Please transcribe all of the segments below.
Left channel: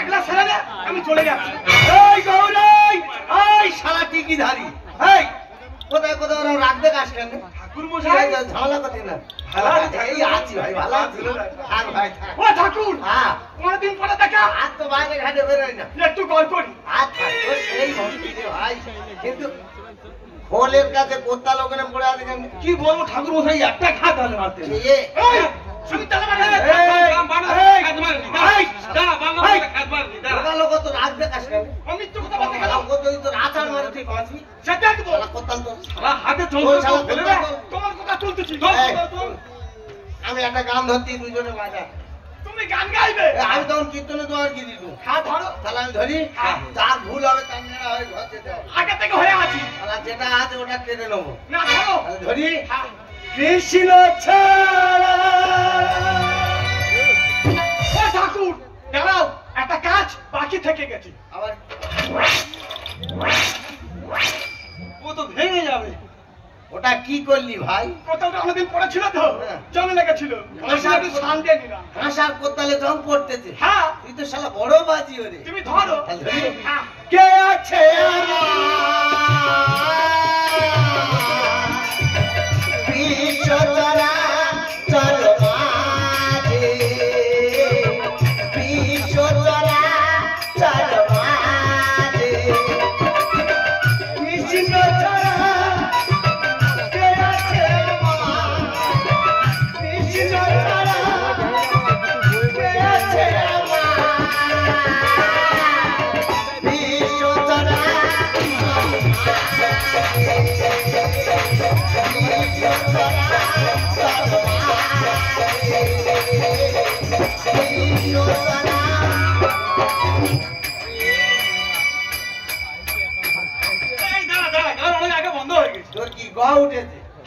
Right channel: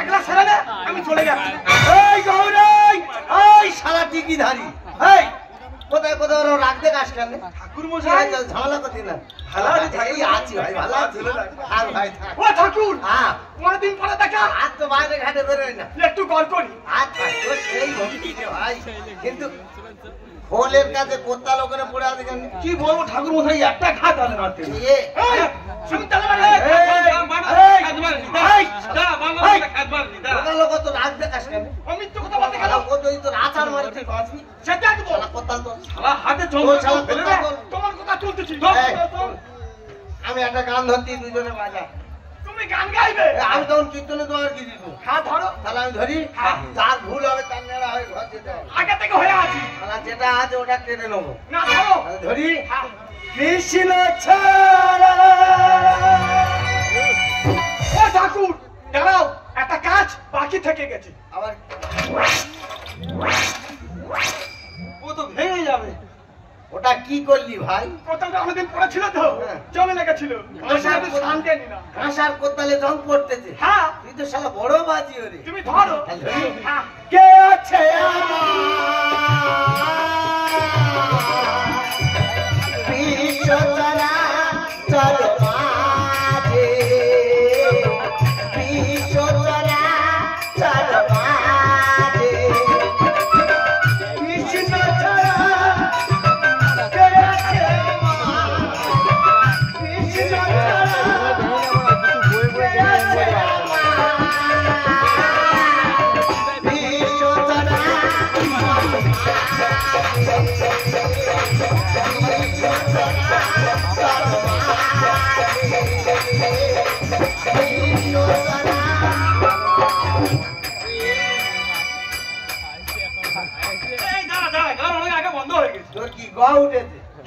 একলা ছেড়ে দে, আমি চলে যাচ্ছি। এই গৌরাই, এই শালা টিকি ধারি, এই কোথায় কোথায় ওরা রাখতে কাজ কেন? ঠাকুর মশাই ঝামেলা করছি না। ভালো এই আছি ভাই, ভালো আছি আর ভাই। ও ঠাকুর, হ্যাঁ অনেকদিন পরে দেখা। আজ তো বাইরে ঘাটে বেরোই না, একটু গল্প করি। আচ্ছা সেই হচ্ছে ভাই, কিন্তু হোলের কাছে কোত্তা লোকের পড়ে আছে কেন? কি বলবো ঠাকুর মশাই, একটা ঘাত হলে মারতে লোক তো রাখতে কাজ কেন? আমি তো কথা বলতে গেলাম ও যদি তোর আচার মারে তুই বাঁচবি, সেটা কি বলা কোত্তা তো সারা হাতে চলবে। তোমার কথা চলতেছি, আমি একটা গান ধরছি, দুজনে বাজা। তুমি গান গাইবে, আমি তখন কীর্তনে তোমার কি দিব? হ্যাঁ ধরো, তাহলে আমি ধরি। যার ভুল হবে তার নেড়া হয়ে ঘর যেতে হবে। আগে থেকে হয়ে আছি, যেটা আছে ওটা টেনে নেবো। না ধরো, ধরি। কৃষ্ণ ছাড়া ও ঠাকুর দাঁড়াও, একটা কাজ বাকি থেকে গেছে। আবার ও তো ভেঙে যাবে। ওটা কি করলি ভাই? কোথাও অনেকদিন পড়েছিল তো, জমে লেগেছিল। কাঁসার কোদালে জং পড়তেছে। হ্যাঁ তুই তো শালা বড় বাজি ওরে। তুমি ধরো। কে আছে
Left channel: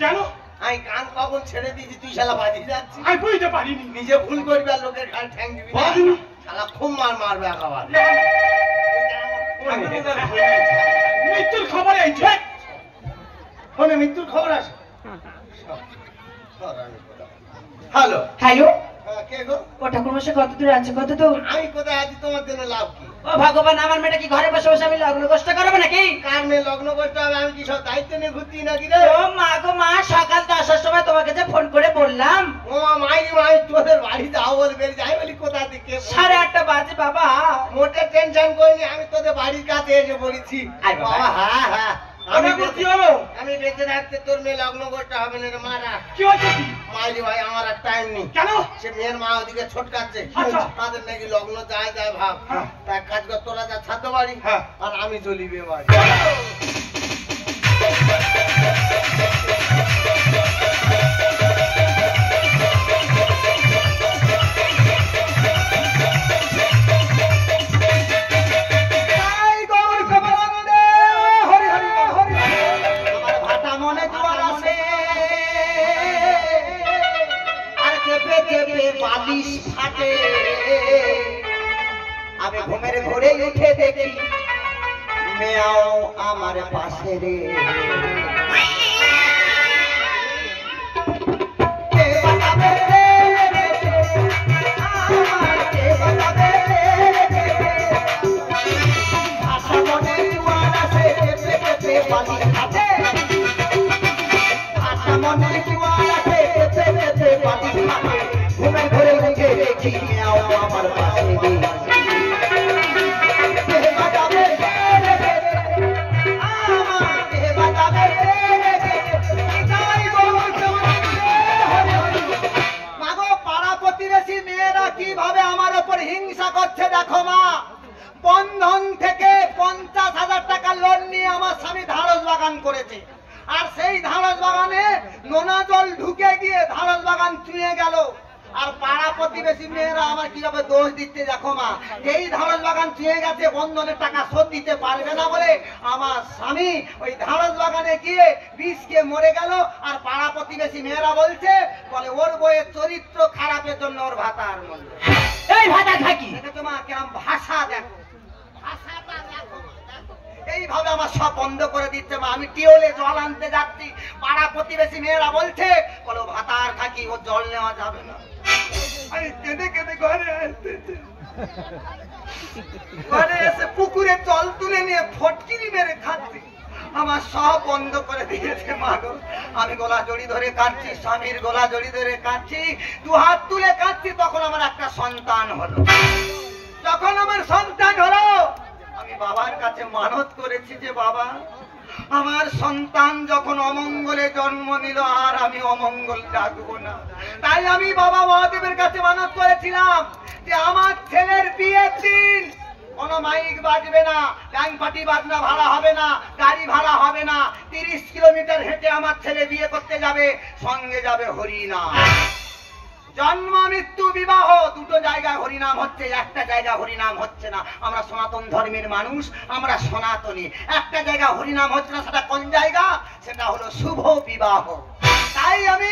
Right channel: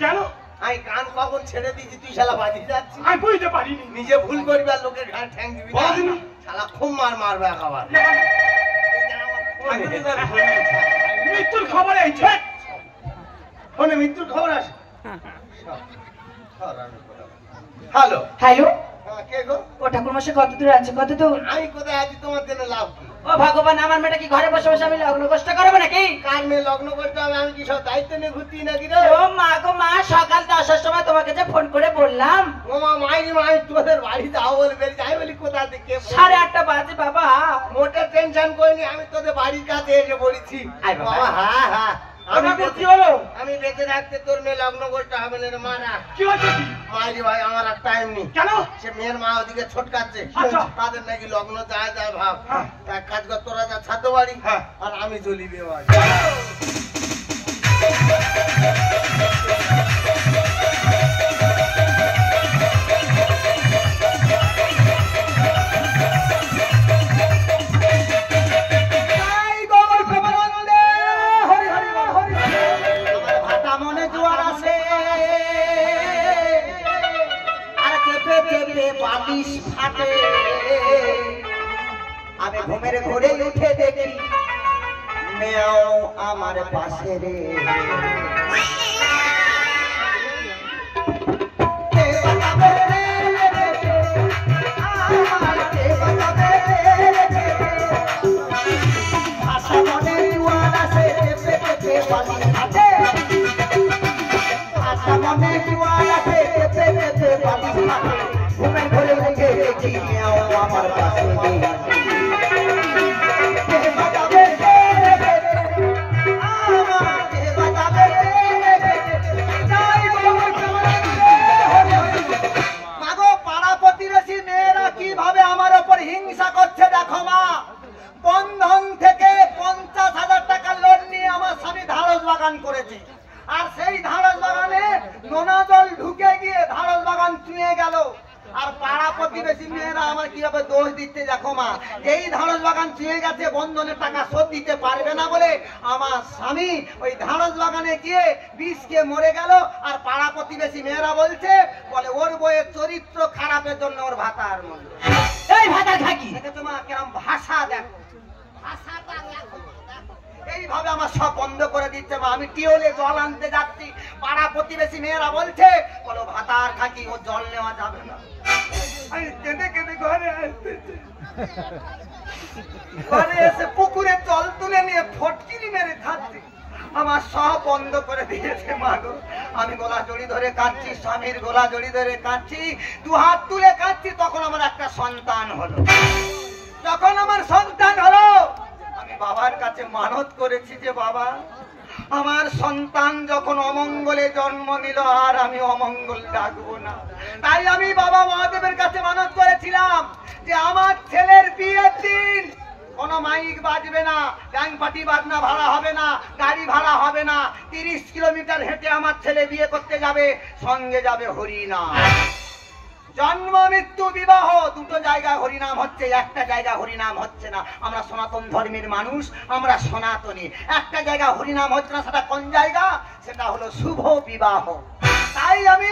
কেন? আমি গান কখন ছেড়ে দিয়েছি, তুই শালা বাজিয়ে যাচ্ছিস। আমি বুঝতে পারিনি, নিজে ভুল করবি আর লোকের ঘাড় ঠ্যাং দিবি। শালা খুব মারবে আবার। মৃত্যুর খবর এইছে, ফোনে মৃত্যুর খবর আসে। হ্যালো হ্যালো, কে গো? ও ঠাকুর মশাই কত দূর আছে? কত দূর? আমি কোথায় আছি, তোমার জন্য লাভ কি? ও ভগবান, আমার মেয়েটা কি ঘরে বসে বসে আমি লগ্ন কষ্ট করবো নাকি? কার মেয়ে লগ্ন করতে হবে? আমি কি সব দায়িত্ব নিয়ে ঘুরতি নাকি রে? ও মা গো মা, সকাল 10টার সময় তোমাকে যে ফোন করে বললাম। ও মাই তোদের বাড়িতে আওয়াজ বের যাই বলি, কোথা থেকে? 8:30 বাজে বাবা। মোটে টেনশন করিনি, আমি তোদের বাড়ির কাছে এসে বলেছি বাবা। হ্যাঁ হ্যাঁ, আমি বেঁচে রাখতে তোর মেয়ে লগ্ন করতে হবে না রে। মারা কি হচ্ছে? মাইরি ভাই আমার আর টাইম নেই। কেন? সে মেয়ের মা ওদিকে ছোটকাচ্ছে, তাদের নাকি লগ্ন যায় যায় ভাব। তার কাজ কর, তোরা যা ছাড়তে পারি আর আমি চলি বে বাড়ি। আমি ঘুমের ঘুরে উঠে দেখি মেয়াও আমার পাশে রে। ঘুমের ঘরে উঠে দেখি মেয়াও আমার পাশে রে। কিভাবে আমার উপর হিংসা করছে দেখো মা। বন্ধন থেকে 50,000 টাকা লোন নিয়ে আমার স্বামী ধারস বাগান করেছে, আর সেই ধারস বাগানে নোনা জল ঢুকে গিয়ে ধারস বাগান চুঁয়ে গেল। আর পাড়া প্রতিবেশী মেয়েরা আমার কিভাবে দোষ দিচ্ছে দেখো মা। এই ধারস বাগান চুঁয়ে গেছে, বন্ধনের টাকা শোধ দিতে পারবে না বলে আমার স্বামী ওই ধারস বাগানে গিয়ে বিষ খেয়ে মরে গেল। আর পাড়া প্রতিবেশী মেয়েরা বলছে, বলে ওর বইয়ের চরিত্র খারাপের জন্য ওর ভাতা আর মরল। এই ভাতা থাকি তোমার কেমন ভাষা দেখো, ভাষাটা দেখো। এইভাবে আমার সব বন্ধ করে দিচ্ছে মা। আমি টিওলে জল আনতে যাচ্ছি, পাড়া প্রতিবেশী মেয়েরা বলছে, বলো ভাতার থাকি ও জল নেওয়া যাবে না। আমি কেঁদে কেঁদে ঘরে আসতেছি। ঘরে এসে পুকুরে জল তুলে নিয়ে ফটকিরি মেরে খাচ্ছে। আমার সব বন্ধ করে দিয়েছে মা গো। আমি গলা জড়ি ধরে কাঁদছি, স্বামীর গলা জড়ি ধরে কাঁদছি, দু হাত তুলে কাঁদছি। তখন আমার একটা সন্তান হলো। যখন আমার সন্তান হলো, আমি বাবার কাছে মানত করেছি যে বাবা, আমার সন্তান যখন অমঙ্গলে জন্ম নিল আর আমি অমঙ্গল ডাকবো না। তাই আমি বাবা মহাদেবের কাছে মানত করেছিলাম যে আমার ছেলের বিয়ের দিন কোনো মাইক বাজবে না, ব্যাংক পার্টি বাজনা ভাড়া হবে না, গাড়ি ভাড়া হবে না। 30 কিলোমিটার হেঁটে আমার ছেলে বিয়ে করতে যাবে, সঙ্গে যাবে হরিনাম। জন্ম মৃত্যু বিবাহ দুটো জায়গায় হরিনাম হচ্ছে, একটা জায়গায় হরিনাম হচ্ছে না। আমরা সনাতন ধর্মের মানুষ, আমরা সনাতনী। একটা জায়গা হরিনাম হচ্ছে না, সেটা কোন জায়গা? সেটা হলো শুভ বিবাহ। তাই আমি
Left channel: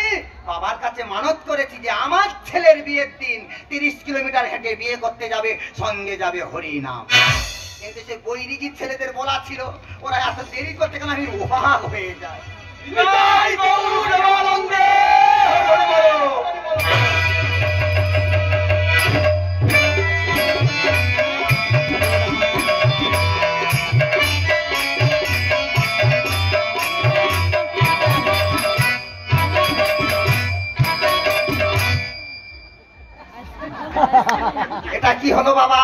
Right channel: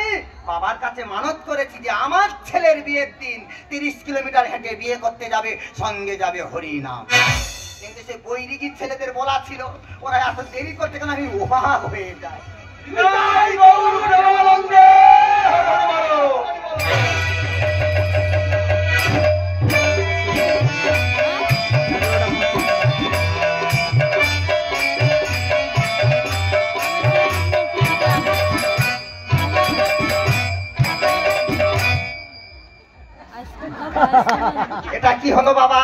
বাবার কাছে মানত করেছি যে আমার ছেলের বিয়ের দিন 30 কিলোমিটার হেঁটে বিয়ে করতে যাবে, সঙ্গে যাবে হরিনাম। কিন্তু সে বৈরিকি ছেলেদের বলা ছিল, ওরা এত দেরি করতে কেন আমি অবাক হয়ে যায়। এটা কি হলো বাবা?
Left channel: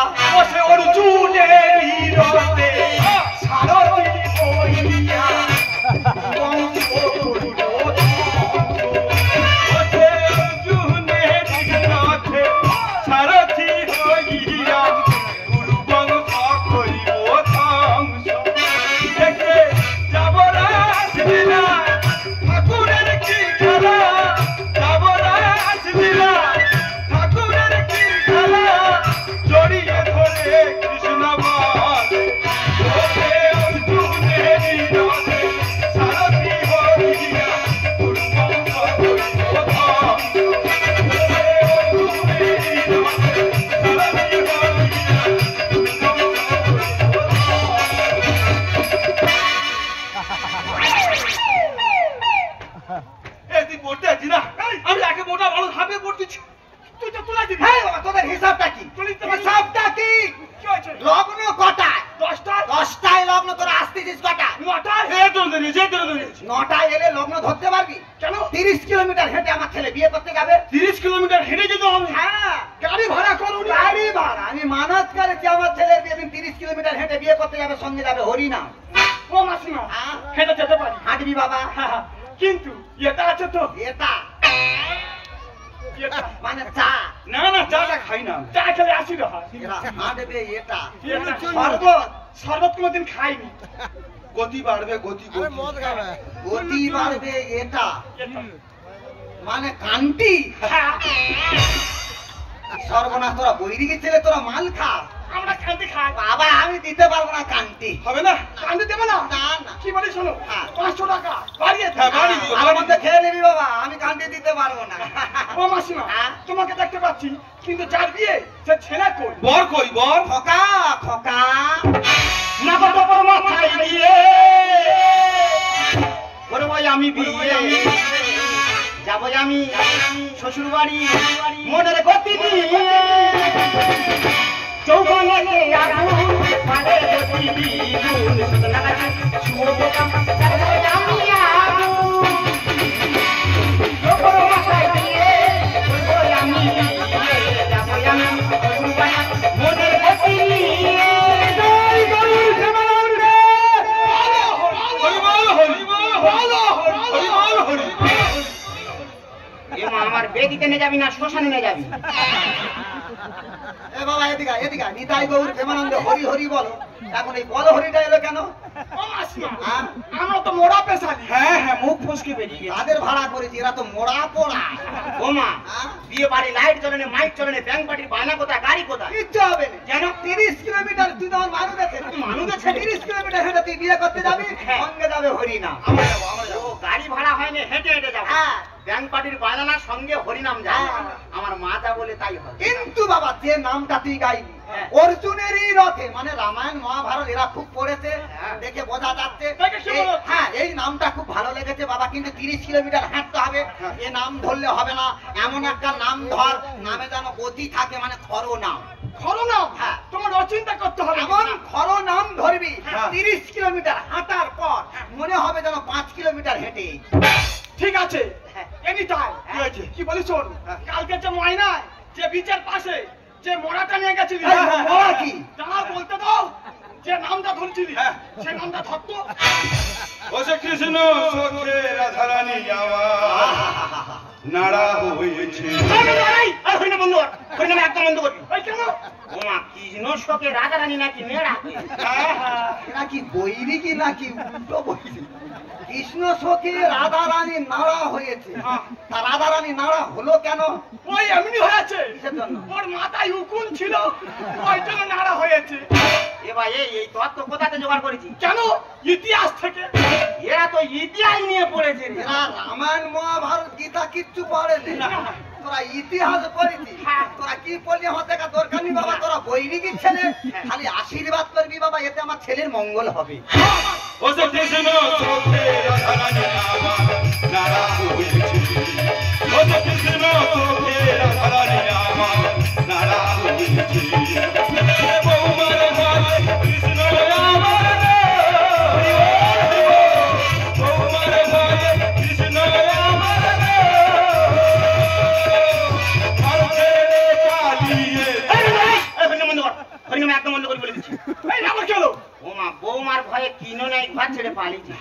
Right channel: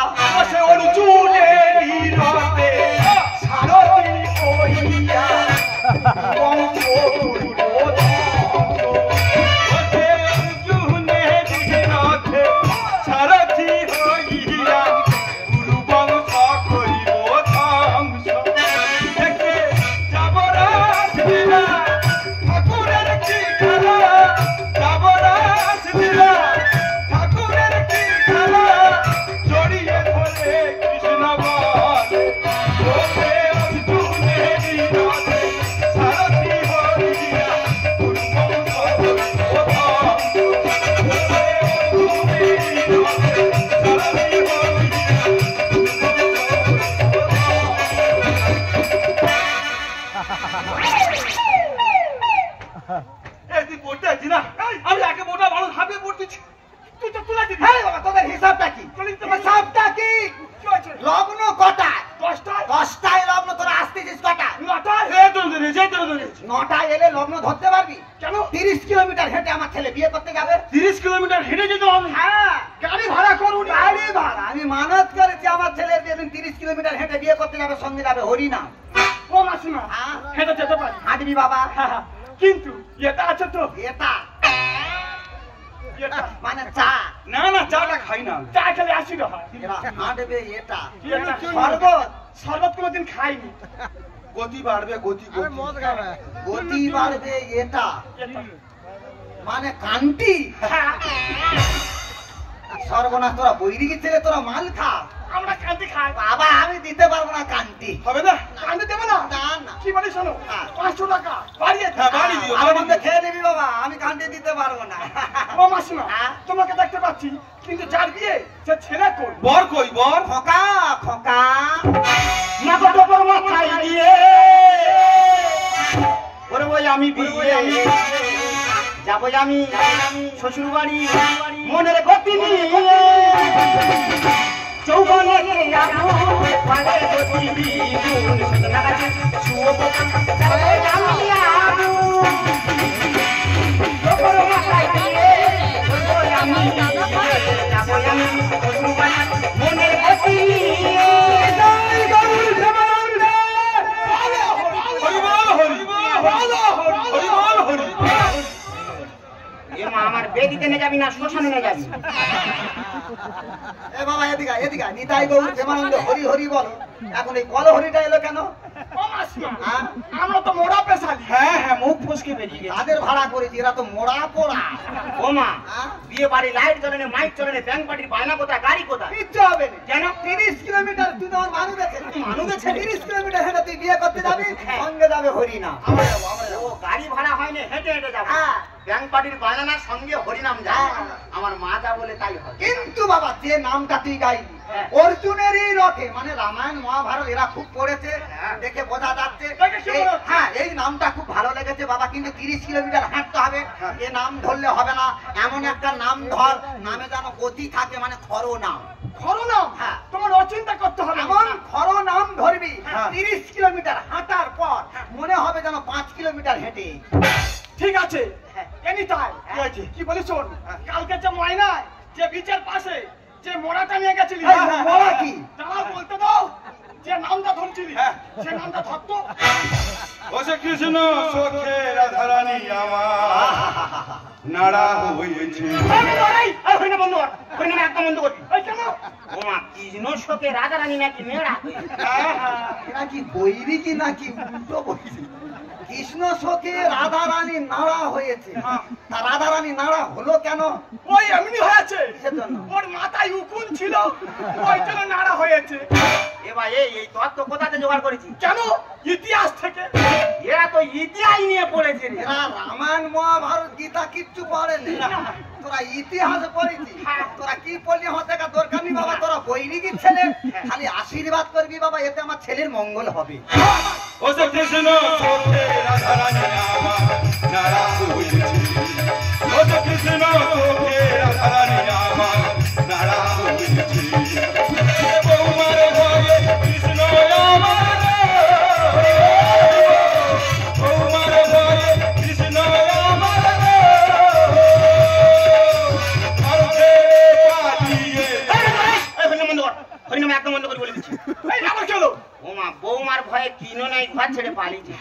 লগ্ন কটায়? 10টায় লগ্ন। তোরা আসতেছিস কটায়? 9টায় এলে লগ্ন ধরতে পারবি? কেন? 30 কিলোমিটার হেঁটে আমার ছেলে বিয়ে করতে যাবে। 30 কিলোমিটার হেঁটে যেতে হবে? হ্যাঁ, গাড়ি ভাড়া করুন। গাড়ি ভাড়া আমি মানত করেছি আমার ছেলের বিয়ে দিন 30 কিলোমিটার হেঁটে বিয়ে করতে যাবে, সঙ্গে যাবে হরিনাম। ও মাসিমা, হেঁটে যেতে পারি। হাঁটবি বাবা? কিন্তু এটা আছে তো, এটা মানে চা? না না, চাটা খাই না, চা খেলে অ্যাসিড হয়। হাঁটবে এটা। শরবত, শরবত কোনোদিন খাইনি। গতি বাড়বে, গতি গতি বাড়বে এটা মানে কান্তি। সর্বনাশ, তোরা বৈরিকি ছেলে, তোরা মাল খা। আমরা কান্তি খাই। বাবা আমি দিতে পারবো না কান্তি। হবে না? কান্তি দেবে না? না না। কি বলি শোনো, হ্যাঁ। 500 টাকা বাড়িয়ে আমার মধ্যে খেয়ে নিবি বাবা, আমি কান্তি দিতে পারবো না। ও মাসিমা, হ্যাঁ। তোমাকে দেখতে পাচ্ছি, কিন্তু যার বিয়ে সে ছেলে কই? বর কই? বর খোকা খোকা মাথা টপর মাথায় দিয়ে ওরে ভাই আমি বিয়ে যাবো আমি শ্বশুর বাড়ি, মনের গতি নিয়ে চৌবনে আগুন পালে গতি দ্বিগুণ সুতরাং শুভকাম আমি আগুন টপর মাথায় দিয়ে ওরে আমি বিয়ে যাবো আমি শ্বশুর বাড়ি, মনের গতি নিয়ে। আমার বেদিতে নিয়ে যাবি না শ্মশানে নিয়ে যাবি? এ বাবা এদিকে এদিকে, নিতাই গৌর প্রেমানন্দ হরি হরি বলো। এখন এই বলো হরিটা এলো কেন? আমরা তো মোড়া পেশালি। হ্যাঁ হ্যাঁ, মুখ ফুসকে বেরিয়ে গেছে। তাদের ভাড়া করেছি, এরা তো মোড়া পোড়া। ও মা, বিয়ে বাড়ি লাইট জ্বলে না, মাইক চলে না, ব্যাংক পার্টির বায়না কোথায়, গাড়ি কোথায়? কিচ্ছু হবে না। কেন? 30 কিলোমিটার তুই তোমার মানুষ আছে, মানুষ আছে 30 কিলোমিটার হেঁটে তুই বিয়ে করতে যাবি, সঙ্গে যাবে হরিনাম। ও গাড়ি ভাড়া হয়নি, হেঁটে হেঁটে যাবো। হ্যাঁ। ব্যাংক পার্টির বায়নার সঙ্গে হরিনাম যায়। আমার মা যা বলে তাই হয়। কিন্তু বাবা যে নামটা তুই গাইলি হ্যাঁ। অর্জুনেরই রথে, মানে রামায়ণ মহাভারত এরা খুব পড়েছে, দেখে বোঝা যাচ্ছে। হ্যাঁ, এই নামটা খুব ভালো লেগেছে বাবা, কিন্তু 30 কিলোমিটার হাঁটতে হবে। এ নাম ধরলে হবে না, এমন একটা নাম ধর, নামে যেন গতি থাকে, মানে খর নাম। খরো নাম? হ্যাঁ। তোমার অচি কিলোমিটার হাঁটার পর মনে হবে যেন 5 কিলোমিটার হেঁটে। ঠিক আছে এনি টাইম কি হয়েছে? কি বলি শোন কালকে যে ময়নায় যে বিচের পাশে যে মোড়াটা নিয়ে গেছিলি এই, মোড়া কি? দাঁড়া বলতে দাও যে নামটা ধরছিলি সে নামটা ধরতো ওসে কৃষ্ণ সখে রাধারানী আমার নাড়া হয়েছে। হইনা বন্ধ কর, হইনা একদম বন্ধ করি। এই কেন ও মা কৃষ্ণ শোকে রাধারানী নাকি মেয়েরা নাকি বৈরি কি নাকি উল্টো বৈরি? কৃষ্ণ সখী রাধা রানী নাড়া হয়েছে। তা রাধা রানী নাড়া হলো কেন? ওই এমনি হয়েছে কিসের জন্য? ওর মাথায় উকুন ছিল ওই জন্য নাড়া হয়েছে। এ ভাই এই তত্ত্ব কোথাতে জোগাড় করেছি? কেন ইতিহাস থেকে এরা তো ইতিহাস নিয়ে পড়েছে রে। এরা রামায়ণ মহাভারত গীতা কিচ্ছু পড়েনি, তোরা ইতিহাস পড়েছি। তোরা কি পড়লি আমার দেখা দরকার নেই বাবা, তোরা বৈরিক ছেলে, খালি আশীর্বাদ করবি বাবা, এতে আমার ছেলের মঙ্গল হবে। ওসে কৃষ্ণ সখে রাধারানী আমার নাড়া হয়েছে। ওসে কৃষ্ণ সখে রাধারানী আমার নাড়া হয়েছে। বৌমার ভয়ে কৃষ্ণ আমার, বৌমার ভয়ে কৃষ্ণ আমার, ঘর ছেড়ে পালিয়ে হইনা বন্ধ কর, হইনা একদম বন্ধ করে বলে দিচ্ছি। এই আবার চলো ও মা বৌমার ভয়ে কিনো নাই ঘর ছেড়ে পালিয়েছে।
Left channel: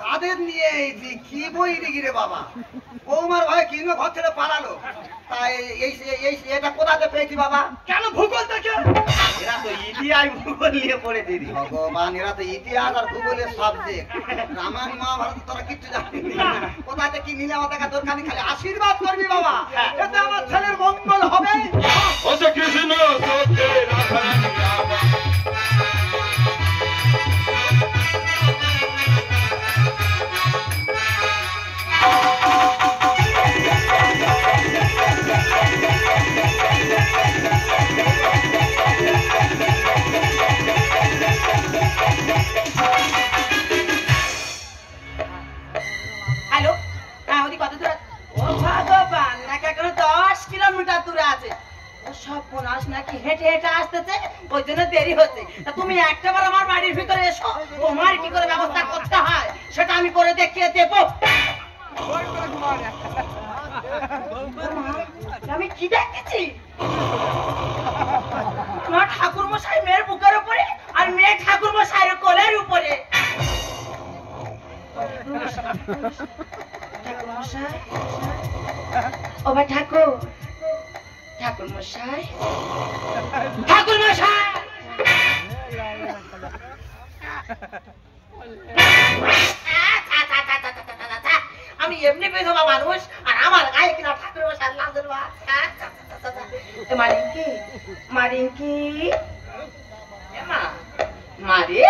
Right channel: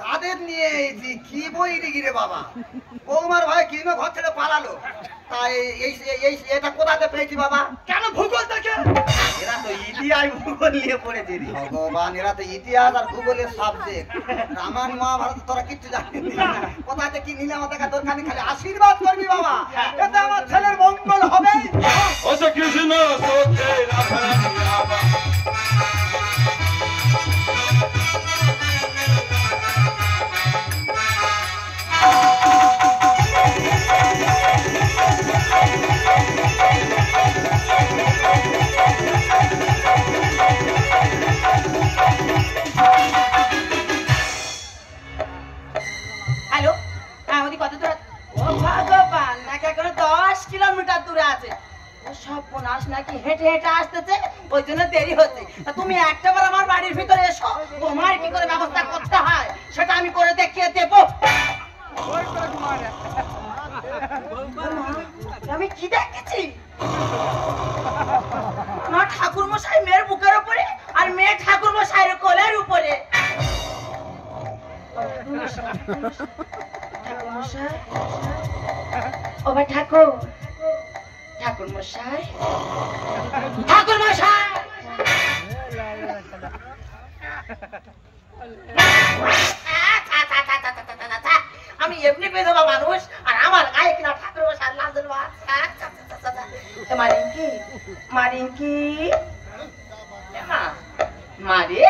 কাদের নিয়ে এইছি? কি বৈরিক রে বাবা? বৌমার ভয়ে কিনো ঘর ছেড়ে পালালো? তাই এটা কোথাতে পেয়েছি বাবা? কেন ভূগোল থেকে এরা তো ইতিহাস ভূগোল নিয়ে পড়েছে রে ভগবান, এরা তো ইতিহাস আর ভূগোলের সাবজেক্ট। রামায়ণ মহাভারত তোরা কিচ্ছু জানিস না। কোথাতে কি নিলে আমার দেখা দরকার নেই, খালি আশীর্বাদ করবি বাবা, এতে আমার ছেলের মঙ্গল হবে। ওসে কৃষ্ণ সখে রাধারানী আমার হ্যালো হ্যাঁ ওদি কত দূর? ও ভগবান নাকি এখন 10 কিলোমিটার দূরে আছে। ও সব বোনাস নাকি হেঁটে হেঁটে আসতেছে, ওই জন্য দেরি হচ্ছে। তা তুমি একটাবার আমার বাড়ির ভিতরে এসো, তোমার কি করে ব্যবস্থা করতে হয় সেটা আমি করে দেখিয়ে দেবো। আমি কি দেখেছি? না ঠাকুর মশাই মেয়ের বুকের উপরে আর মেয়ে ঠাকুর মশাইয়ের কোলের উপরে। ঠাকুর মশাই ও ভাই ঠাকুর, ঠাকুর মশাই, ঠাকুর মশাই। আমি এমনি বেধবা মানুষ আর আমার গায়ে কিনা ঠাকুর মশাই লাজের বাচ্চা। মারিঙ্কি মারিঙ্কি মারি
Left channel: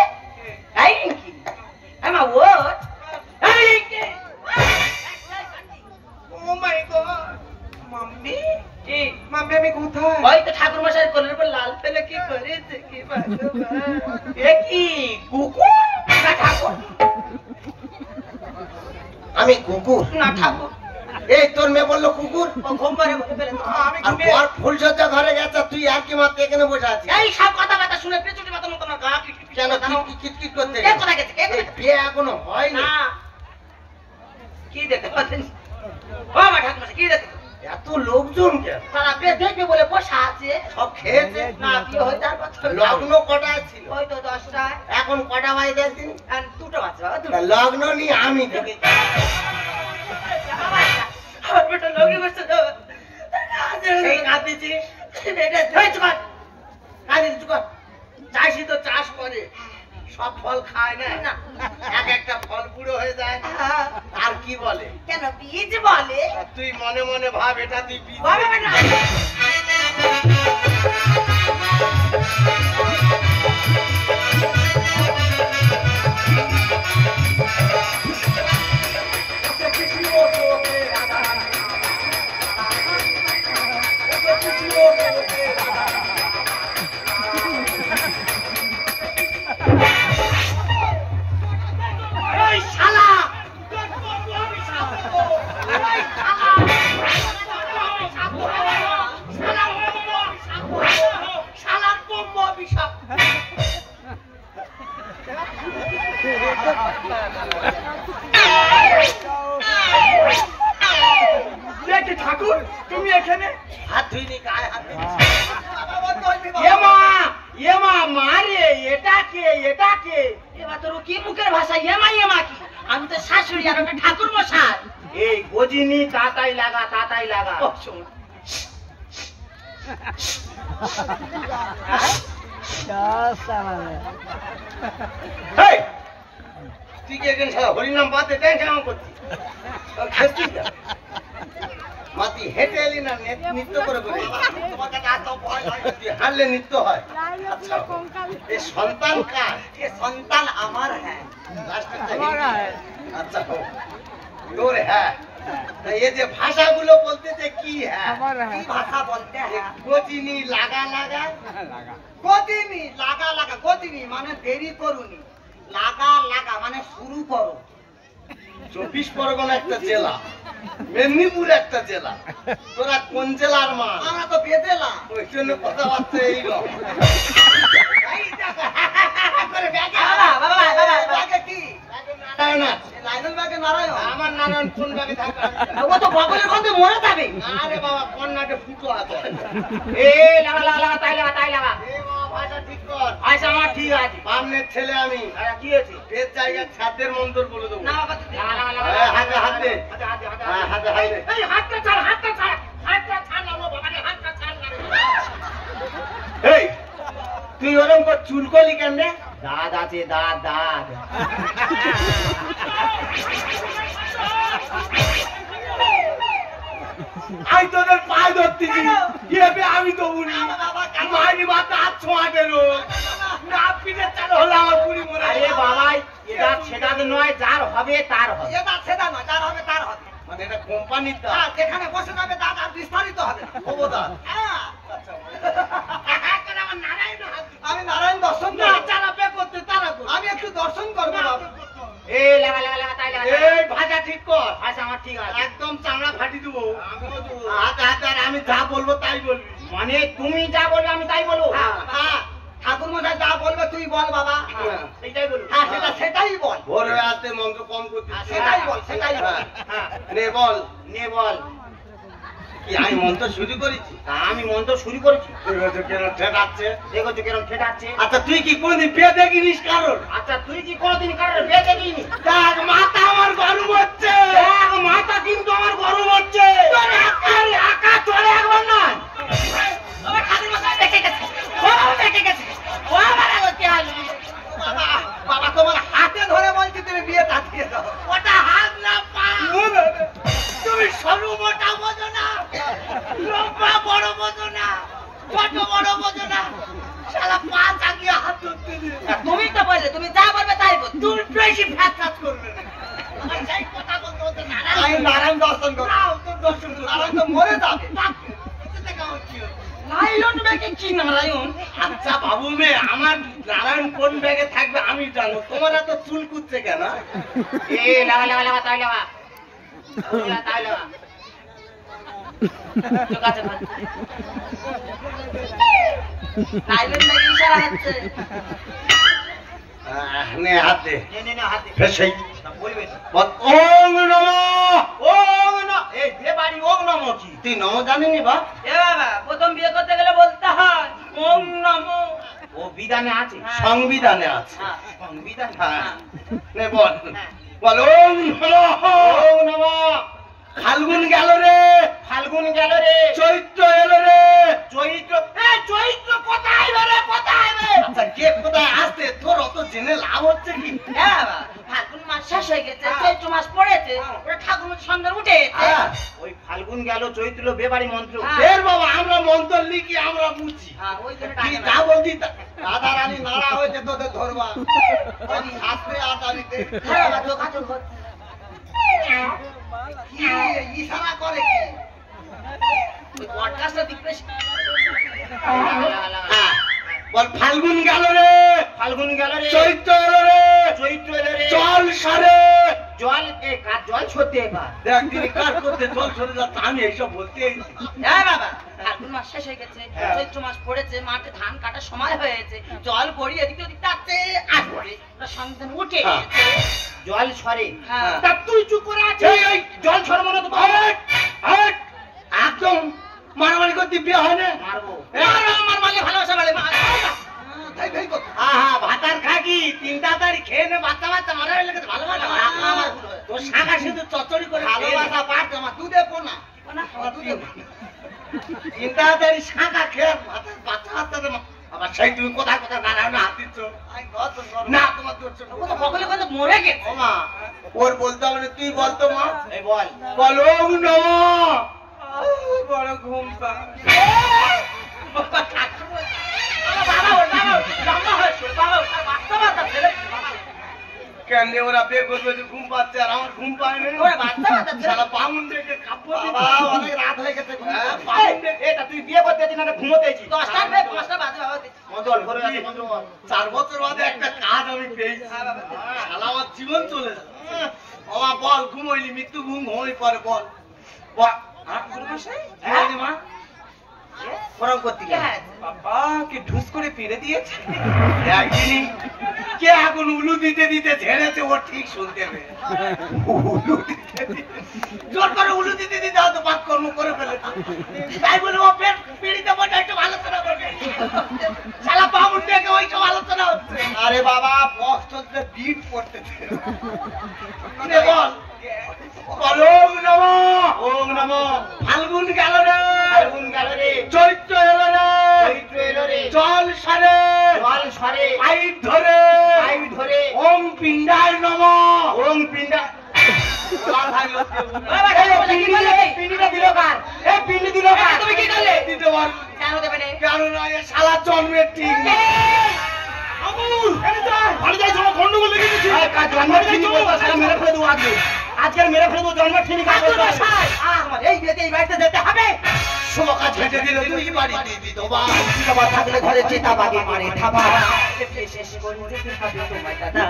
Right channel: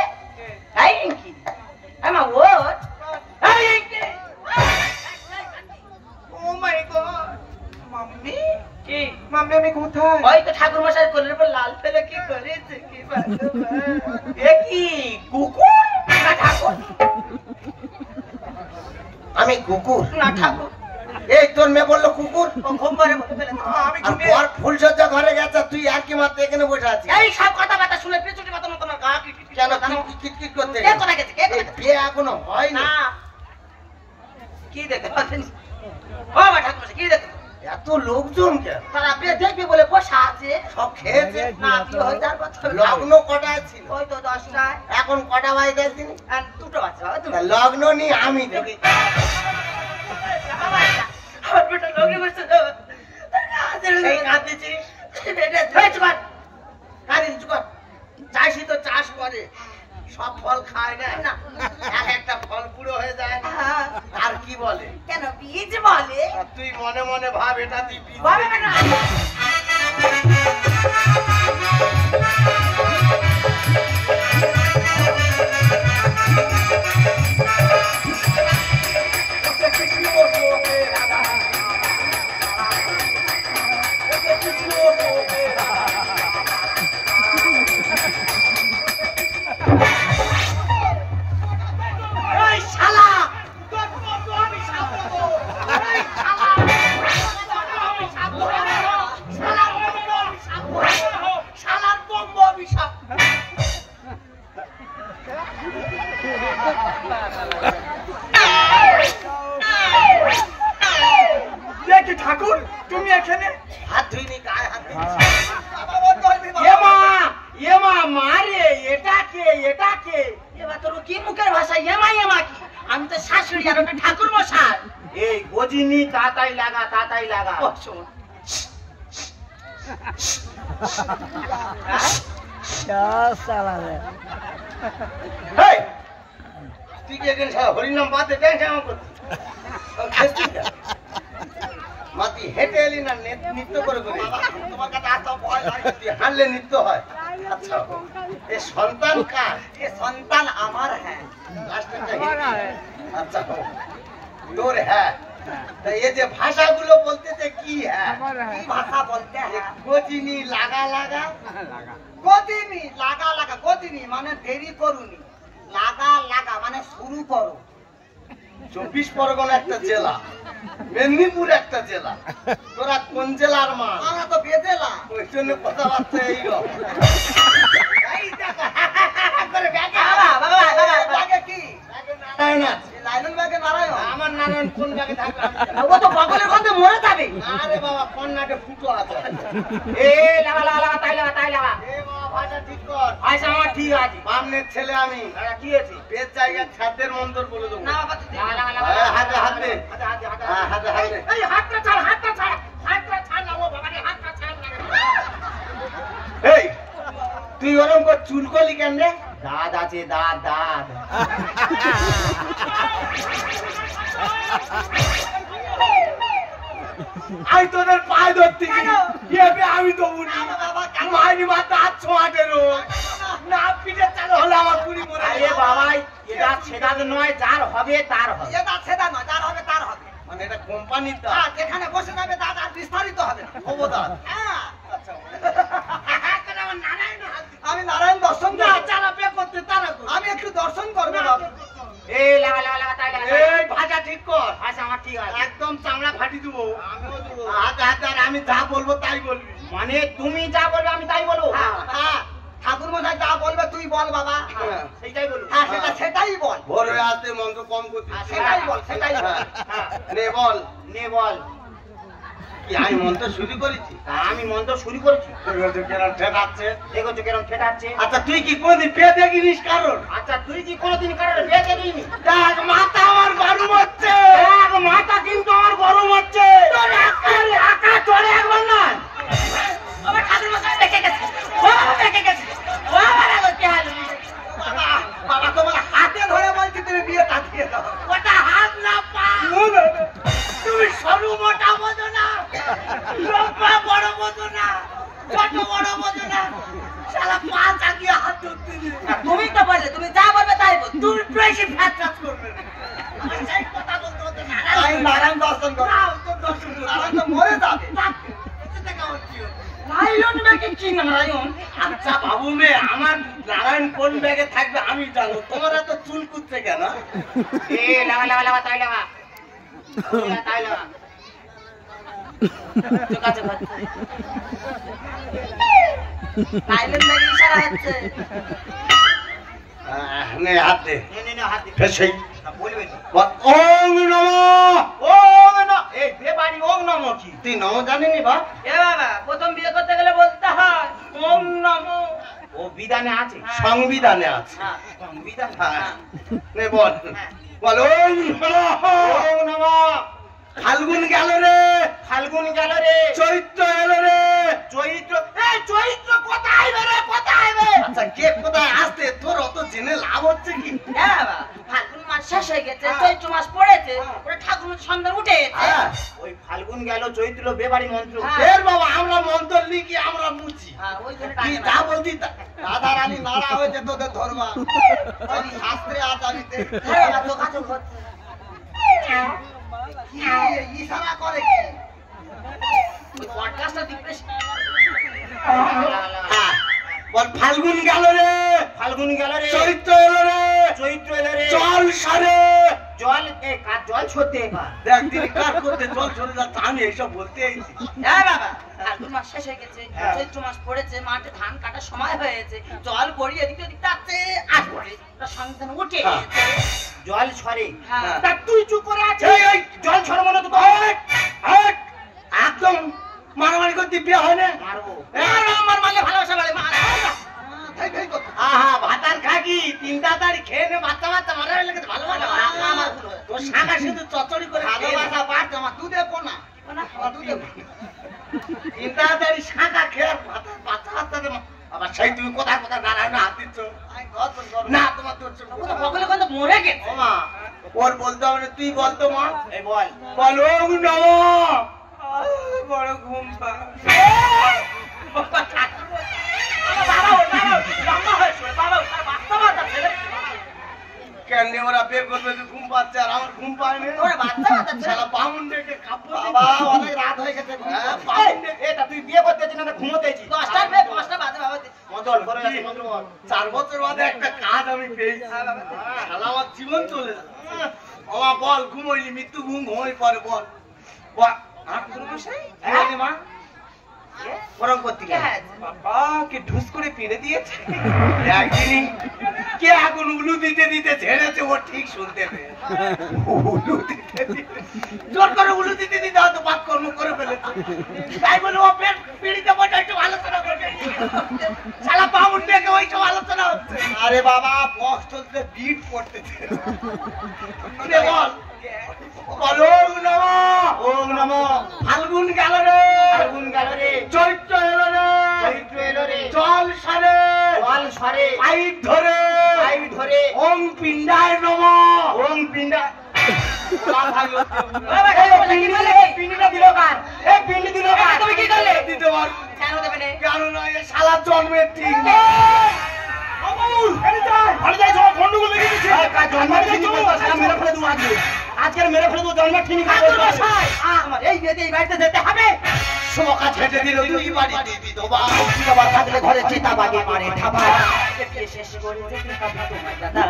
তাই রিঙ্কি আমা ওট ও মাই গড, মাম্মি কি মাম্মি আমি কোথায়? ওই তো ঠাকুর মশাই কোলের উপর লাল ফেলে কি করেছে কি এ কি কুকুর না ঠাকুর আমি কুকুর না ঠাকুর এই তোর মেয়ে বললো কুকুর, ঘুম পারে মুখে ফেলে আমি আর ঘুমিয়ে পর ফুলসজ্জা ঘরে গেছে, তুই আর কি মাত্র এখানে বসে আছিস? এই সব কথাবার্তা শুনে পেছনে মতো তোমার গা কেন কিট করতে কে কোথায় গেছে কে কোথায় গেছে? বিয়ে এখনো হয়নি? না কি দেখতে পাচ্ছেন? ও মা ঠাকুর মশাই, কি দেখতে পাচ্ছেন? এত লোকজন কেন? তারা আপনি দেখবে বলে বসা আছে সব খেয়েছে? না কি হয়ে যার কথা লগ্ন কটা ছিল? ওই তো 10টায় এখন কটা বাজে দেখছিস? আর দুটো বাচ্চা তা লগ্ন নিয়ে আমি দেখি। আমার বেটা লোকে বসে তো এই কাঁদতেছিস? কাঁদিস কর, চাষি তো চাষ করে, সব ফল খায় না, এক একটা ফল পুরো হয়ে যায়। আর কি বলে? কেন বীজ বলে আর তুই মনে মনে ভাব এটা তুই বীজ। বাবা বেটা এই শালা, শালার বম্ব দেখি ঠাকুর তুমি এখানে হাত ধুইনি গায়ে হাত ধুইনি এমা মারে এটা কে এবার তোর কি মুখের ভাষা এমা এমা কি আমি তো শাশুড়ি আর ওটা ঠাকুর মশাই এই গজিনি তাতাই লাগা ও, শোন। এই, তুই কি একদিন সারা হরিনাম বাদ দিয়ে টেনশন করছিস? তখন খেসছিস না? মা, তুই হেঁটে এলি না নৃত্য করে করে? তোমার কাছে এত ভয় লাগে, তুই হারলে নৃত্য হয়। আচ্ছা, এ সন্তান কার? এ সন্তান আমার। হ্যাঁ, লাস্টেরটা হিন্দি। আচ্ছা, হোক। তোর হ্যাঁ। তা এই যে ভাষাগুলো বলতেছে কি হ্যাঁ? কি ভাষা বলতে হ্যাঁ? গতিনি লাগা গতিনি লাগা গতিনি মানে দেরি করুনি, লাগা মানে শুরু করো। 24 পরগনা একটা জেলা, মেদিনীপুর একটা জেলা। তোরা কোন জেলার মা? আমরা তো বেদেলা। ওই জন্য কথাবার্তা এইরকম। এই দেখো, করে ব্যাগে ব্যাগে কি? নারায়ণ আছে। লাইলুল ব্যাগে নারায়ণ? আমার নারায়ণ কোন ব্যাগে থাকে? ও তো বগলের গন্ধে মরে যাবে। আরে বাবা, কন্যাকে ফুটো আছে। এ লাগা তাই লাগা এ বাবা, ভাষা ঠিক কর। আচ্ছা আমার ঠিক আছে বামনের ছেলে আমি। কি আছে পেট জায়গায় খাদ্যের মন্ত্র বলে দেবো। না বাবা, তুই দে। হাতে হাতে হ্যাঁ, হাতে হাতে। এই হাতটা ছাড় না ও বাবা রে, হাতটা ছাড় না রে। এই, তুই ওরকম করে চুলকলি কেন রে? দাঁত আছে দাঁত আমি তোদের পায়ে ধরতে গিয়ে আমি তো উনি মাইনি মাথা হাত ছোঁয়া গেল না, পিঠে চালু হলে আমার পুরি মরে আরে বাবাই এটা সেটা নয়, যার হবে তার হবে। সেটা নয়, যার হবে তার হবে। মানে এটা কোম্পানির দাঁত, যেখানে বসে যাবে দাঁত আর বিস্তারিত হবে খবরদার। আমি নারায়ণ দর্শন করতে তারা আমি একটু দর্শন করবো বাবা। এই লাগা তাই লাগা। এই ভাষা ঠিক কর। আচ্ছা আমার ঠিক আছে। একদম চামড়া ফাটি দেবো। হাতে হাতে আর আমি যা বলবো তাই বলবি। মানে তুমি যা বলবে আমি তাই বলবো। হ্যাঁ, ঠাকুর মশাই যা বলবে তুই বল বাবা। সেইটাই বলবো। হ্যাঁ, সেটাই বল। ভোর হয়ে আসতে মন্ত্র কম করতে। সেটাই বল। হ্যাঁ, নে বল। নে বল। কি আমি মন্ত্র শুরু করেছি? তা আমি মন্ত্র শুরু করেছি। দেখো কেন ঠেকাচ্ছে। দেখো তো কেরম ঠেকাচ্ছে। আচ্ছা, তুই কি কোনদিন পেয়ে দেখিনিস কারোর? আচ্ছা তুই কি কোনোদিন কারোর বিয়ে দেখিনি? দেখ, মাথা আমার গরম হচ্ছে। দেখ মাথা কিন্তু আমার গরম হচ্ছে। চলে একবার না। আমার ঠাকুর মশাই দেখে গেছে। ও দেখে গেছে। ও আমার আগতে আলো। বাবা, তোমার হাতে ধরে বলছি তুমি বিয়েটা দিয়ে দাও। ওটা হাত না, পা। তুমি সরু মোটা বোঝো না, লম্বা বড় বোঝো না, ছোট বড় বোঝো না, শালা পা চাগিয়ে হাত ধরতে দিলে। তুমি তো বললে তুমি যা বলবে তাই বল। তুমি বেশি ফ্যাট কাজ করবে না। আমার সেই কথা বলতে বলতে নারায়ণ দর্শন করো। নারায়ণ তো মরে যাবে। লাইলন ব্যাগে কি নারায়ণ? আচ্ছা বাবু মে, আমার নারায়ণ কোন ব্যাগে থাকবে আমি জানো। তোমার এত চুল কুচ্ছে কেন? এ লাগা তাই লাগা। তাই লাগা। লাইলন ব্যাগে ইশারা হচ্ছে। নে হাতে নে হাতে। ফেসেই বলবে বল ওম নমঃ। ওম নমঃ। এই যে বাড়ি ওম নমঃ কি? তুই নম জানিনি বা? এ বাবা, প্রথম বিয়ে করতে গেলে বলতে হয় ওম নমো। ও বিধানে আছে। সংবিধানে আছে। হ্যাঁ, সংবিধান। হ্যাঁ, নে বল বল ওম নমঃ। ওম নমঃ। ফাল্গুন গেল রে, ফাল্গুন গেল রে, চৈত্র এলো রে। চৈত্র। এ চৈত্র কোথায় রে, কোথায় রে? আচ্ছা, কে কোথায় আসতে তোর অত জেনে লাভ হচ্ছে কি? হ্যাঁ বাবা, ফাল্গুন মাস শেষ হয়ে গেছে, চৈত্র মাস পড়েছে, ওটা ঠাকুর সন্ধ্যা উঠে গেছে। হ্যাঁ, ওই ফাল্গুন গেল চৈত্র বেবাড়ি মন্ত্র। হ্যাঁ। এর বাবা আমরা মন্ত্র লিখি, আমরা বুঝি। হ্যাঁ, ওই জন্য কি ডাকে না। যা বলছি দাদা রানী নাড়া হয়েছে তোদের ধরবা। ওই শাস্ত্রে আচারিতে হ্যাঁ, বাবা, যোগাযোগ হচ্ছে। কি ইশারা করে কি? ওই পডকাস্টটা দিতে হ্যাঁ, বল ফাল্গুন গেল রে, ফাল্গুন গেল রে, চৈত্র এলো রে, চৈত্র এলো রে, জল সারে। জল এ কার জল ছড়তে এবার। দেখ তিনি কার করতে জল সরে যাচ্ছে, আমি এইসব বলতে এসেছি। হ্যাঁ বাবা, ফাল্গুন মাস শেষ হয়ে গেছে, চৈত্র মাস পড়েছে, মাঠে ধান কাটার সময় হয়েছে, জল গড়িয়ে এদিকে ওদিক যাচ্ছে আসবে, ওটা সন্ধ্যা উঠে হ্যাঁ। গেছে। জল ছড়ে হ্যাঁ। তা তুই চুপ করে আছিস। এই জল ছড়বো না তো তো একদম মারামারি করতে বিয়ে হয় না। মারবো আমার মাকে ভালোবাসা বলে মা ভাতার খাকি তিনটা তারি খেয়ে নে বাচ্চা বাচ্চা মারা হয়ে গেছে ভালোবাসা আমার তোর শাখা শুধু চচ্চড়ি করে ভালোবাসা পাঠ আমার দুধে পোনা দুধে তিনটা তারি শাখা খেয়ে ভাতার বাচ্চা বাচ্চাদের আবার সেই তুমি কোথায় কোথায় নারায়ণ হাত দিচ্ছ না তোমার তোর ও তো বকলে কিন্তু মরে গেছে ও মা ওর বলতে হবে না, তুই বলতো মা এই বল বলো নম বড় ঘুম পা। কেন রে ওরা বিয়ে করবে তো ঘুম পাচ্ছে আর আমার ঘুম পায় না ওরা বাচ্চা বাচ্চা ছেলে। শালা বামুন দেখে কাব্য বাবা অনেক রাত হয়ে গেছে বামুন দেখে এটা তুই বিয়ে করতে আছিস না ঘুমোতে আছিস 10টা বাজে বাবা মজল ঘরে আছে মজল 4 বছর বাদে একটা কাজ আমি পেয়েছি শালা আমার জীবন চলে যাবে বাবা বল ঘুমোইলি মৃত্যু ঘুম ঘুমোই পরে বল বল হ্যাঁ মা ওরম করতে কে গেলে বাবা কি ঢুস করে পেরে দিয়েছে। একদিনই কে এখন উলু দিতে দিতে ঝেড়েছে ও ঠিক শুনতে হবে উলু দিতে দিতে জোর করে উলু দিতে দিতে হয়তো বাদ কর্ম করে ফেলেছে তাই বলে ও পিড়িতে বসে একটু আলোচনা করবে শালা বামুন থেকে ওই সব আলোচনা হচ্ছে আরে বাবা বস চলতে বিট পড়তেছে বল বলো ওম নমো ফাল্গুন গেল রে ফাল্গুন গেল রে চৈত্র এলো রে চৈত্র এলো রে জল সারে জল সরে পাইপ ধরে পাইপ ধরে ওম পিণ্ডায় নম ওম পিণ্ডা পিণ্ডিটা দিল কার এ পিণ্ডি দিল কার তুমি কি করলে? দিতে বল জানো দেবে রে কারণ আগে শালা জন্মের ঠিক না গন্ডগোল লেগে গেছে আজকের মেরে ফেলে জন্ম ঠিক আমার এই বিয়েতে এই বাড়িতে যেতে হবে শোকা ছেটে দিল দুই বাড়ি বিধবা বিধবা থাকলে ঘরে চিতাবাগে মারে থাবা শেষ করে যেতে হবে তোমার দাদা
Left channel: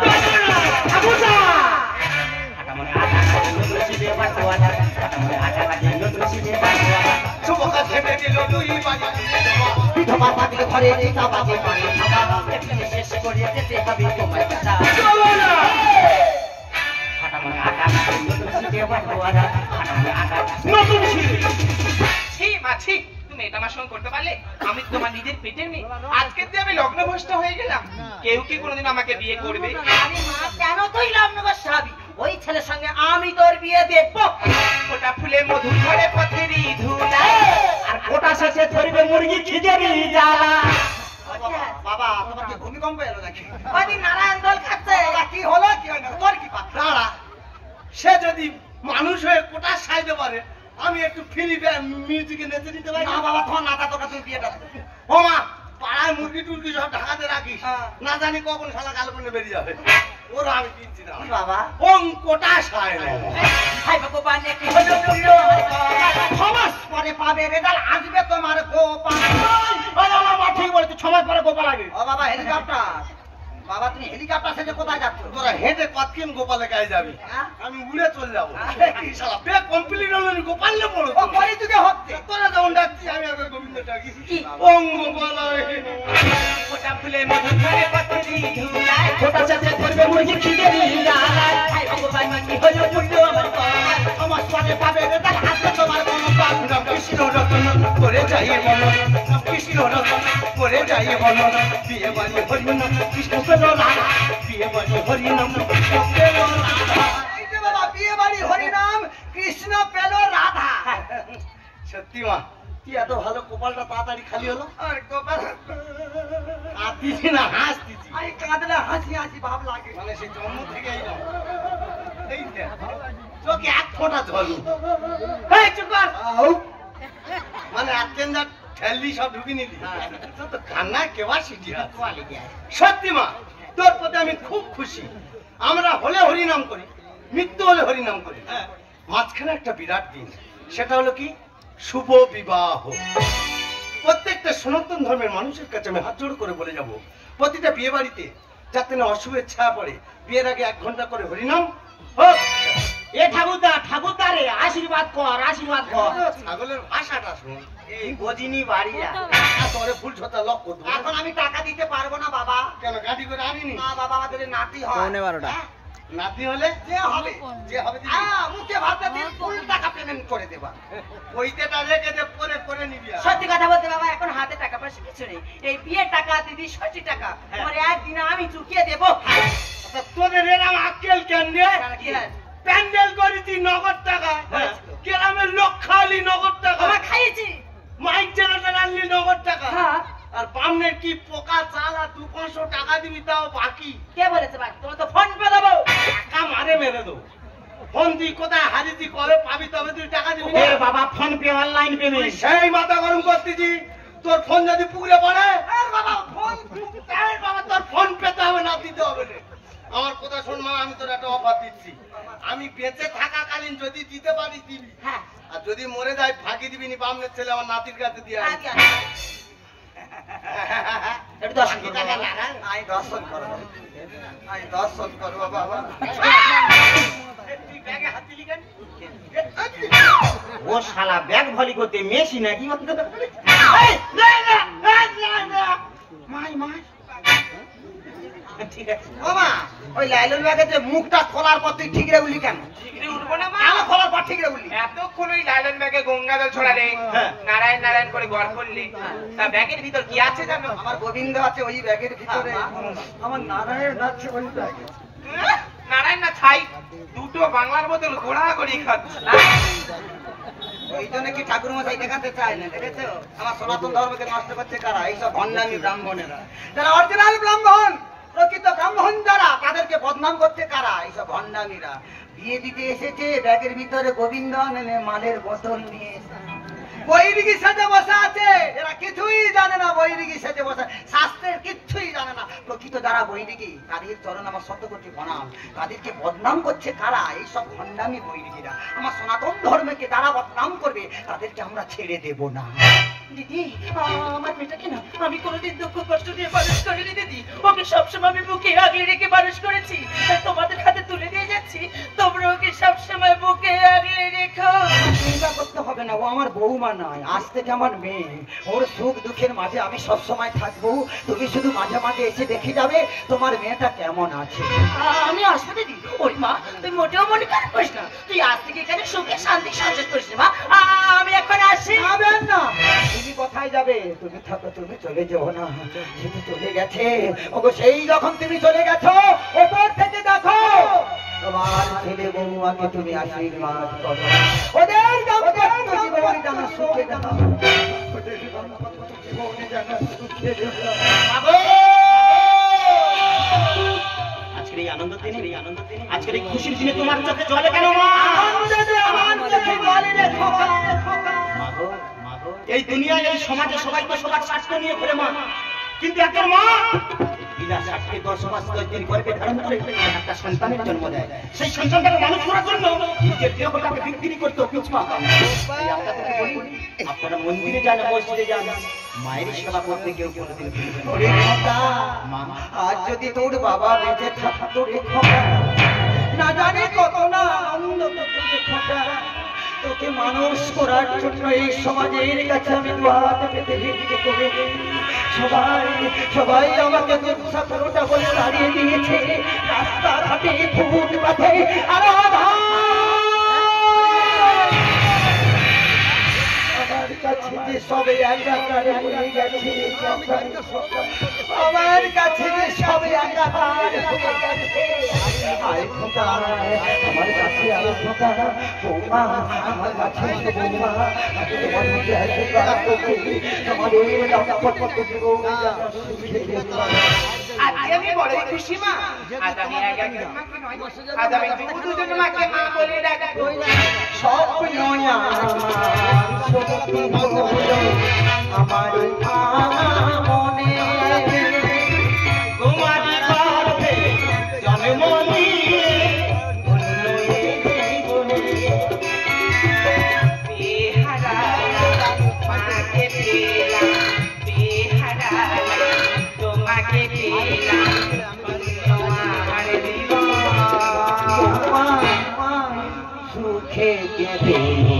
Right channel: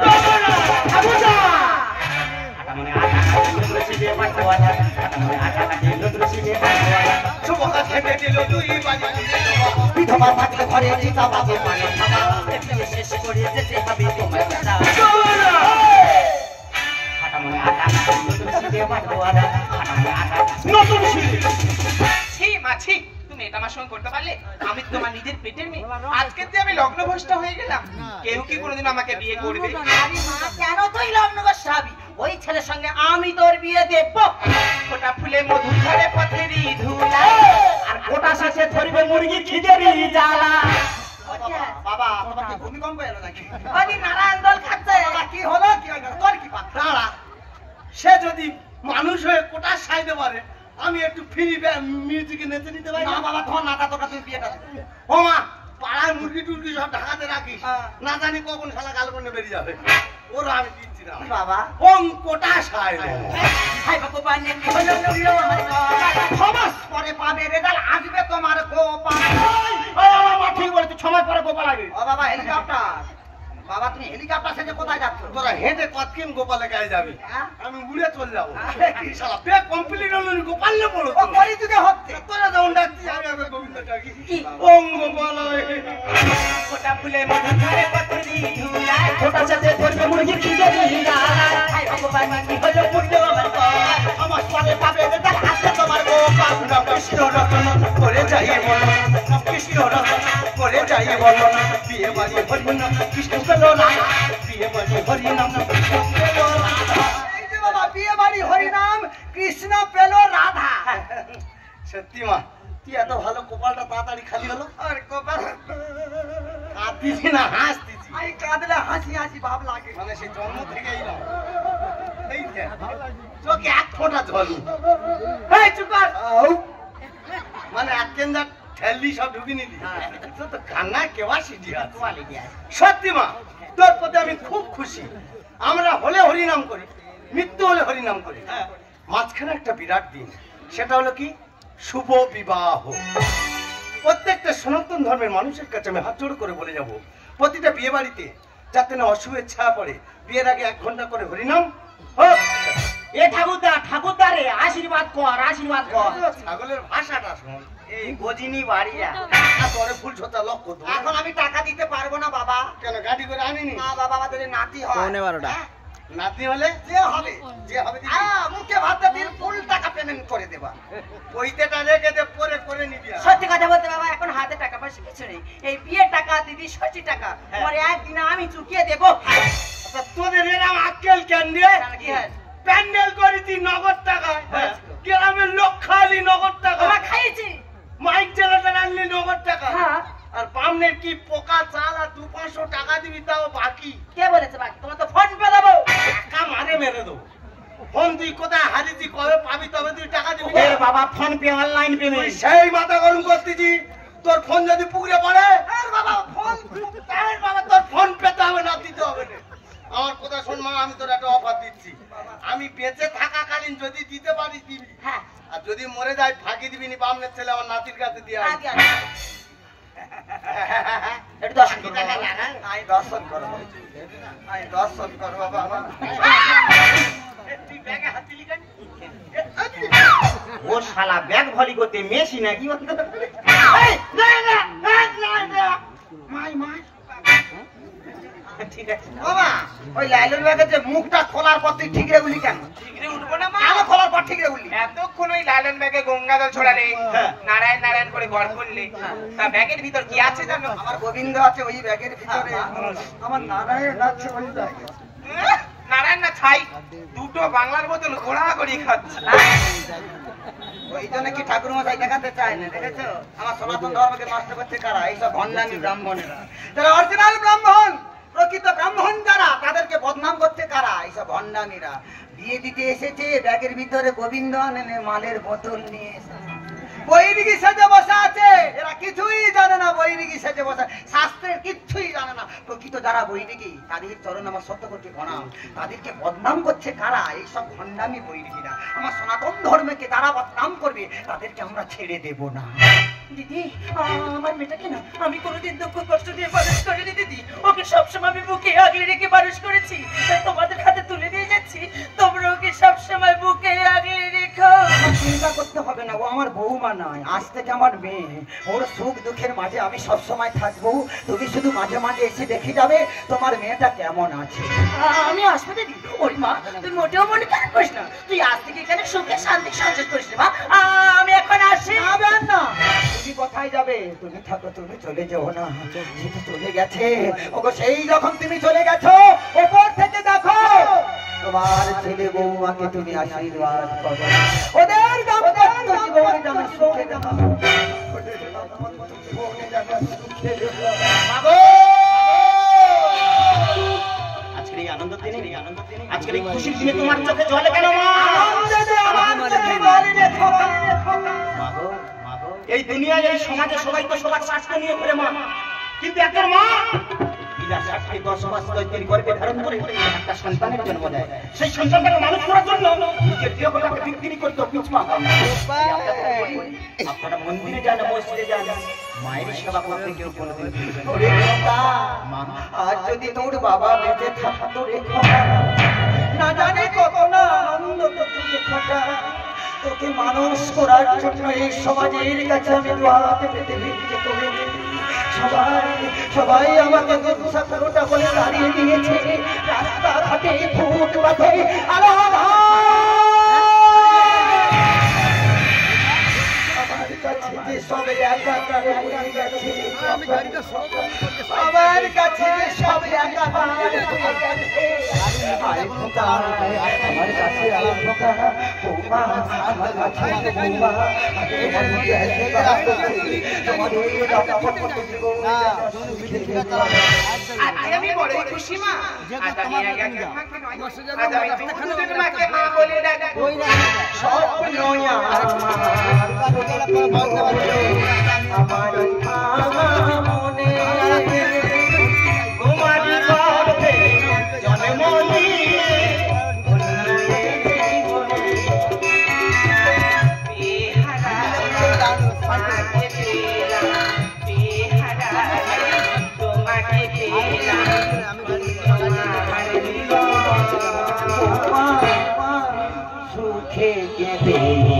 শোকা ছেটে দিল দুই বাড়ি বিধবা বিধবা থাকলে ঘরে চিতাবাগে মারে থাবা শেষ করে যেতে হবে তোমার দাদা ছি মা ছি, তুমি এটা আমার সঙ্গে করতে পারলে? আমি তো তোমার নিজের পেটের মেয়ে। আজকে যে আমি লগ্নভ্রষ্ট হয়ে গেলাম, কেউ কি কোনোদিন আমাকে বিয়ে করবে? আরে মা কেন তুই লগ্ন বসাবি ওই ছেলের সঙ্গে আমি তোর বিয়ে দেব ওটা ফুলে মধু ধরে পথেরই ধুলা, আর গোটা শেষে ধরবে মুরগি খিদেরি জ্বালা বাবা তোমার কি ভূমিকম্প এলো নাকি ওই নারায়ণ দল খাচ্ছে বাবা কি হলো কি হলো? তোর কি দাঁড়া সে যদি মানুষ হয়ে কোটা সাইতে পারে আমি একটু ফ্রি মিউজিকে নেচে নিতে পারি না বাবা তোমার নাতা তোটা তুই বিয়েটা ও মা পাড়ায় মুরগি টুরগি সব ঢাকাতে রাখিস না জানি কখন শালা কাল করে বেরিয়ে যাবে ওরা আমি কিনছি না বাবা ওং কোটা সায় হাই ভগবান কি হলো প্রিয় আমার সমাজ পরে পাবে রেজাল্ট আসবে তোমার গোপাল ঠিক বলে তুই সময় পরে গোপাল আগে ও বাবা হেলিকপ্টার বাবা তুমি হেলিকপ্টার থেকে কোথায় যাচ্ছ তোরা হেঁটে কতক্ষণ গোপালে কাছে যাবি হ্যাঁ? আমি উড়ে চলে যাবো শালা বে কমপ্লিট হলো গোপাল নে পড়ো ও করি যুগে হচ্ছে তোরা যখন ডাকছি আমি একবার গোবিন্দ ডাকি কি? ওং গোপাল ওটা ফুলে মধু ধরে পথেরই ধুলা, গোটা শেষে ধরবে মুরগি খিদেরি জ্বালা হাই ভগবান কি হলো প্রিয় আমার আমার সাথে পাবে রেজাল্ট হাতে তোমার গোপাল রাম কৃষ্ণ রতন করে যাই বলো রাম কৃষ্ণ রতন করে যাই বলো বিয়ে বাড়ি হরি নাম কৃষ্ণ পেল রাধা বিয়ে বাড়ি হরি নাম কৃষ্ণ পেল রাধা এই যে বাবা বিয়ে বাড়ি হরি নাম কৃষ্ণ পেল রাধা সত্যি মা কি এত ভালো কপালটা তাড়াতাড়ি খালি হলো আর কপাল কাঁদতিছি না হাসতিছি আমি কাঁদলে হাসি হাসি ভাব লাগে মানে সে জন্ম থেকেই না এই যে তোকে এক ফোঁটা জল এই চুপ কর মানে আজকেন যা ঠেললি সব ঢুকি নিলি তোর তো কান্না কেবা সিদ্ধি আছে সত্যি মা তোর প্রতি আমি খুব খুশি আমরা হলে হরিনাম করি মৃত্যু হলে হরিনাম করি মাঝখানে একটা বিরাট দিন সেটা হলো কি শুভ বিবাহ প্রত্যেকটা সনাতন ধর্মের মানুষের কাছে আমি হাত জোড় করে বলে যাব প্রতিটা বিয়ে বাড়িতে যাতে না অশুভের ছায়া পড়ে বিয়ের আগে 1 ঘন্টা করে হরিনাম হোক। এ ঠাকুরদা রে আশীর্বাদ কর ছাগলের ভাষাটা শোন এই গজিনি বাড়িরা তোরে ফুল ছোটা লক্ষ্য এখন আমি টাকা দিতে পারবো না বাবা কেন গাড়ি করে আনিনি না বাবা আমাদের নাতি হয় 12:15 নাতি হলে যে হবে দিবি। মুখে ভাতে দিন ফুল টাকা পেমেন্ট করে দেবা। ওইটা রেখে দে, পরে করে নিবি। সত্যি কথা বলতে বাবা, এখন হাতে টাকা পয়সা কিছু নেই। এই বিয়ের টাকা দিদি 60 টাকা পরে একদিন আমি চুকিয়ে দেবো। আচ্ছা তোদের এরকম আক্কেল কেন রে? কি হয়? প্যান্ডেল করেছি নগদ টাকা, হ্যাঁ। গ্রামের লোক খালি নগদ টাকা, আমরা খাইছি। মাইক জেনারেটর আনলি নগদ টাকা, হ্যাঁ। আর বামনের কি পোকা চাল আর 200-500 টাকা দিবি তাও বাকি। কে বলেছে বাকি? তোমার তো ফোন পে দেবো। টাকা মারে মেরে দেবো। ফোন তুই কোথায় হারিয়েছি, কবে পাবি, তবে তুই টাকা দিবি না। বাবা ফোন পে অনলাইন পে তুই সেই মাথা গরম করতেছি, তোর ফোন যদি পুকুরে পড়ে বাবা ফোন বাবা তোর ফোন পেতে হবে না, দিতে হবে না। আমার কথা শোন মা, আমি তোর একটা অফার দিচ্ছি। আমি বেঁচে থাকাকালীন যদি দিতে পারি দিবি, হ্যাঁ। আর যদি মরে যায় ফাঁকি দিবি নি, বামনের ছেলে আমার নাতির কাছে দিয়ে আসবি। আচ্ছা। একটু দর্শন করো বাবা। আমি দর্শন করবো, আমি দর্শন করবো বাবা। তুই ব্যাগে হাত দিলি কেন? ও শালা ব্যাগ ভরি করতে মেশি নাকি? বাবা ওই লাইলন ব্যাগের যে মুখটা খোলার পর তুই ঠিক রে বলি কেন? ঠিকরে উঠবো না মা? কেন খোলার পর ঠিক রে বলি? এতক্ষণ ওই লাইলন ব্যাগে গঙ্গা জল ছড়ালে, হ্যাঁ। নারায়ণ নারায়ণ করে গড় করলে, তা ব্যাগের ভিতর কি আছে জানো? আমার গোবিন্দ আছে ওই ব্যাগের ভিতরে, আমার নারায়ণ আছে ওই ব্যাগে। নারায়ণ না ছাই, দুটো বাংলার বোতল ঘোরাঘুরি খাচ্ছে। ওই জন্য কি ঠাকুর মশাই দেখাতে চায় না, দেখেছো? আমার সনাতন ধর্মকে নষ্ট করতে কারা? এইসব ভণ্ডামি ব্রাহ্মণেরা, যারা অরিজিনাল ব্রাহ্মণ, প্রকৃত ব্রাহ্মণ যারা, তাদেরকে বদনাম করতে কারা? এইসব ভণ্ডামিরা। বিয়ে দিতে এসেছে, ব্যাগের ভিতরে গোবিন্দ আনে মালের বোতল নিয়ে এসেছে। বৈরিকি সেজে বসে আছে, এরা কিছুই জানে না। বৈরিকি সেজে বসে, শাস্ত্রের কিচ্ছুই জানে না। প্রকৃত যারা বৈরিকি, তাদের চরণ আমার শত কোটি প্রণাম। তাদেরকে বদনাম করছে কারা? এইসব ভণ্ডামি বৈরিকিরা। আমার সনাতন ধর্মকে যারা বদনাম করবে, তাদেরকে আমরা ছেড়ে দেব না। দিদি, আমার মেয়েটাকে না আমি কোনোদিন দুঃখ কষ্ট দিয়ে মানুষ করিনি দিদি। ওকে সবসময় আমি বুকে আগলে রেখে মানুষ করেছি। তাই তোমাদের হাতে তুলে দিয়ে যাচ্ছি, তোমরা ওকে সবসময় বুকে আগলে রেখো। চিন্তা করতে হবে না, ও আমার বৌমা নয়, আজ থেকে আমার মেয়ে। ওর সুখ দুঃখের মাঝে আমি সবসময় থাকবো। তুমি শুধু মাঝে মাঝে এসে দেখে যাবে তোমার মেয়েটা কেমন আছে। আমি আসবো দিদি। ওর মা, তুই মোটেও মনে খারাপ করিস না। তুই আজ থেকে এখানে সুখে শান্তি সংযোগ করিস না মা। আমি এখন আসি। যাবেন না, তুমি কোথায় যাবে? তুমি থাকো, তুমি চলে যাও না। সেটা চলে গেছে। ওগো সেই যখন তুমি চলে গেছো, ওপর থেকে দেখো তোমার ছেলে বৌমাকে তুমি আশীর্বাদ করো। ওদের দাম্পত্য জীবনে যেন সুখে দাও। ওদের দাম্পত্য জীবনে যেন সুখে দাও। আজকের এই আনন্দ দিনে, আজকের এই খুশির দিনে তোমার চোখে জলে কেন মা? মা গো, এই দুনিয়ায় এই সমাজে সবাই তো সবার স্বাস্থ্য নিয়ে করে মা, কিন্তু একজন মা বিনা স্বার্থে 10 মাস তৈরি গর্ভে ধারণ করে একটা সন্তানের জন্ম দেয়। সেই সন্তানকে মানুষ করার জন্য নিজের দেহটাকে বিক্রি করতে পিছপা। আপনারা মন্দিরে যান, মসজিদে যান, মায়ের সেবা করতে কেউ কোনোদিন মা, আজ যদি তোর বাবা বেঁচে থাকতো রে খোকা, না জানি কত না আনন্দ করতো রে খোকা। তোকে মানুষ করার জন্য এই সমাজের কাছে আমি বাদ পেতে ভিক্ষে করে সবাই আমাকে দুঃসাথটা বলে দাঁড়িয়ে দিয়েছে। রাস্তাঘাটে ফুটপাথে আমার কাছে যে সবে একাকারে হয়ে গেছে, আমার কাছে যে সবে একাকারে হয়ে গেছে। আয় খোকা, আমার কাছে আয় খোকা, বৌমা আমার কাছে বৌমা, তোমার মধ্যে আশীর্বাদ করছি, তোমাদের দাম্পত্য জীবনে যেন সুখে যেতে। আজকে আমি বড়ই খুশি মা। আজ আমি আগামী মাকে নয়, আজ আমি দুজন মাকে মা বলে ডাকবো। স্বপ্ন আমার মনে তোমার গর্ভে জন্মনি তোমাকে সুখে গেলে